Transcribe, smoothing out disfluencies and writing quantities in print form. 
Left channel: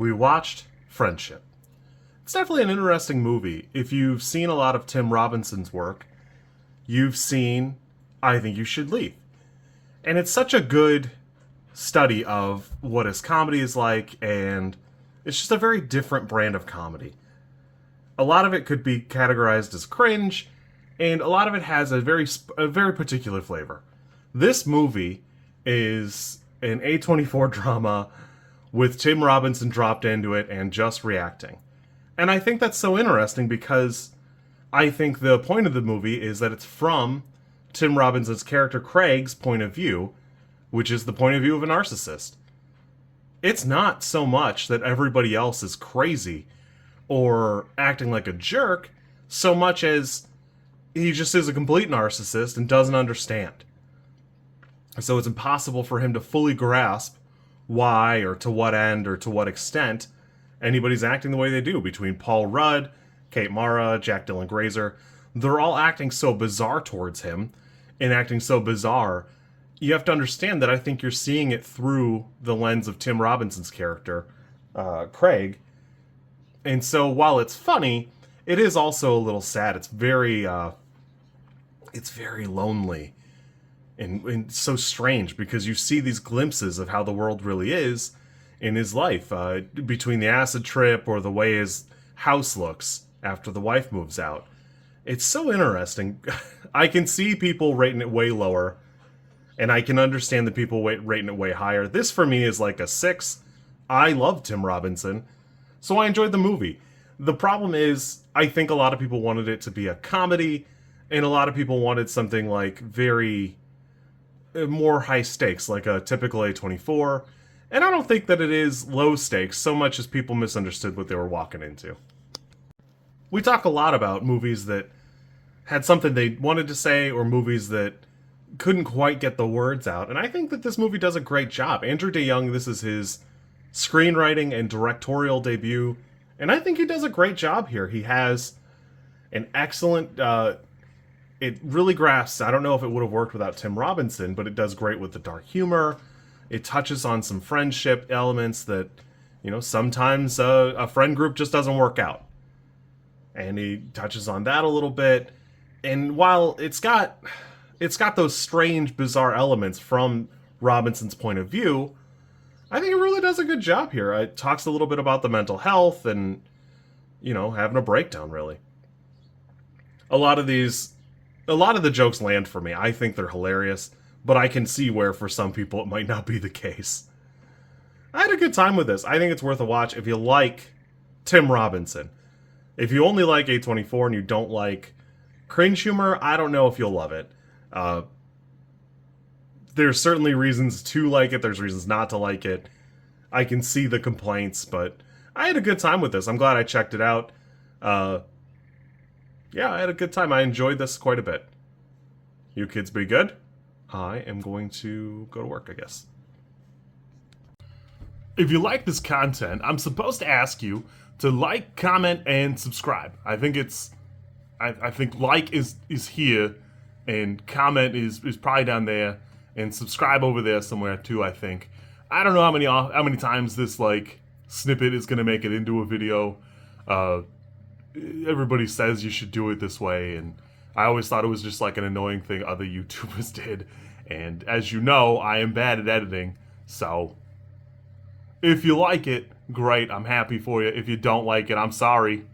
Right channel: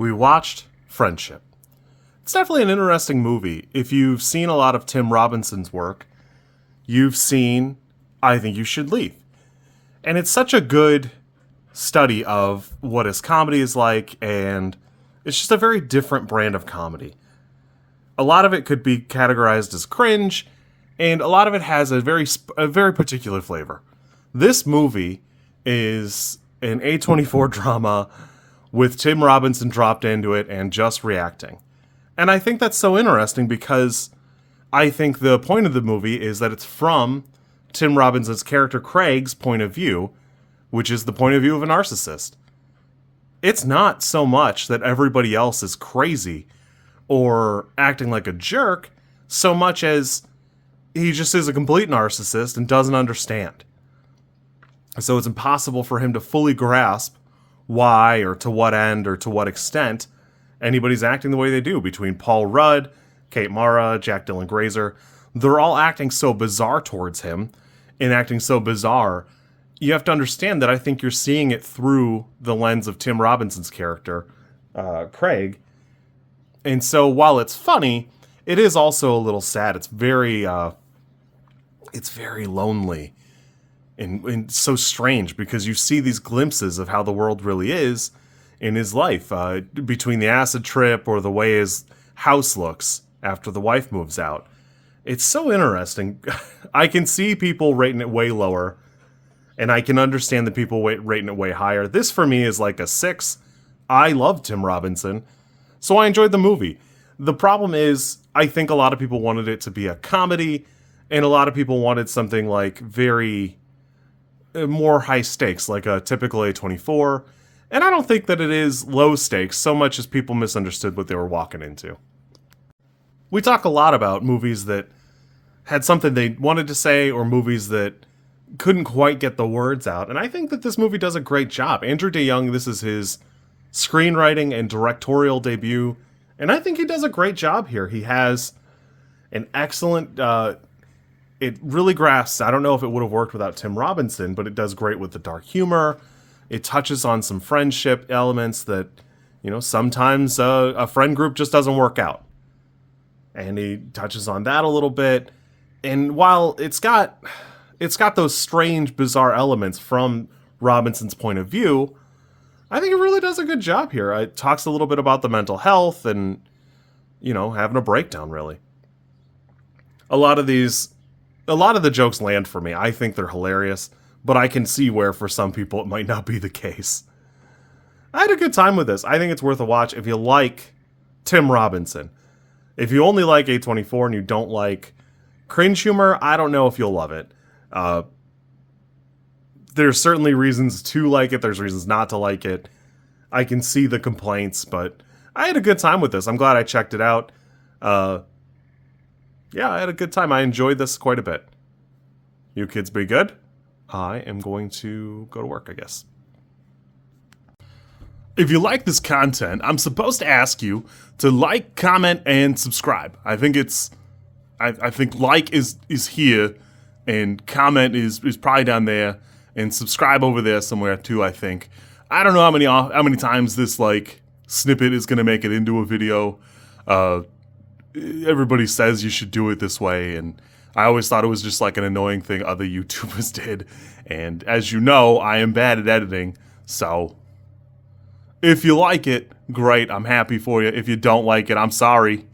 we watched Friendship. It's definitely an interesting movie. If you've seen a lot of Tim Robinson's work, you've seen I Think You Should Leave. And it's such a good study of what his comedy is like, and it's just a very different brand of comedy. A lot of it could be categorized as cringe, and a lot of it has a very particular flavor. This movie is an A24 drama with Tim Robinson dropped into it and just reacting. And I think that's so interesting because I think the point of the movie is that it's from Tim Robinson's character Craig's point of view, which is the point of view of a narcissist. It's not so much that everybody else is crazy or acting like a jerk, so much as he just is a complete narcissist and doesn't understand. So it's impossible for him to fully grasp why or to what end or to what extent anybody's acting the way they do. Between Paul Rudd, Kate Mara, Jack Dylan Grazer, they're all acting so bizarre towards him and acting so bizarre. You have to understand that I think you're seeing it through the lens of Tim Robinson's character, Craig. And so while it's funny, it is also a little sad. It's very lonely and so strange because you see these glimpses of how the world really is in his life, between the acid trip or the way his house looks after the wife moves out. It's so interesting. I can see people rating it way lower, and I can understand the people rating it way higher. This for me is like a 6. I love Tim Robinson, so I enjoyed the movie. The problem is, I think a lot of people wanted it to be a comedy, and a lot of people wanted something like very more high stakes, like a typical A24. And I don't think that it is low stakes so much as people misunderstood what they were walking into. We talk a lot about movies that had something they wanted to say or movies that couldn't quite get the words out. And I think that this movie does a great job. Andrew DeYoung, this is his screenwriting and directorial debut. And I think he does a great job here. He has an excellent, it really grasps, I don't know if it would have worked without Tim Robinson, but it does great with the dark humor. It touches on some friendship elements that, sometimes a friend group just doesn't work out. And he touches on that a little bit. And while it's got those strange, bizarre elements from Robinson's point of view, I think it really does a good job here. It talks a little bit about the mental health and, having a breakdown, really. A lot of the jokes land for me. I think they're hilarious, but I can see where for some people it might not be the case. I had a good time with this. I think it's worth a watch if you like Tim Robinson. If you only like A24 and you don't like cringe humor, I don't know if you'll love it. There's certainly reasons to like it. There's reasons not to like it. I can see the complaints, but I had a good time with this. I'm glad I checked it out. Yeah, I had a good time. I enjoyed this quite a bit. You kids be good. I am going to go to work, I guess. If you like this content, I'm supposed to ask you to like, comment, and subscribe. I think I think like is here, and comment is probably down there, and subscribe over there somewhere too, I think. I don't know how many times this snippet is gonna make it into a video. Everybody says you should do it this way, and I always thought it was just an annoying thing other YouTubers did. And as you know, I am bad at editing, so if you like it, great, I'm happy for you. If you don't like it, I'm sorry.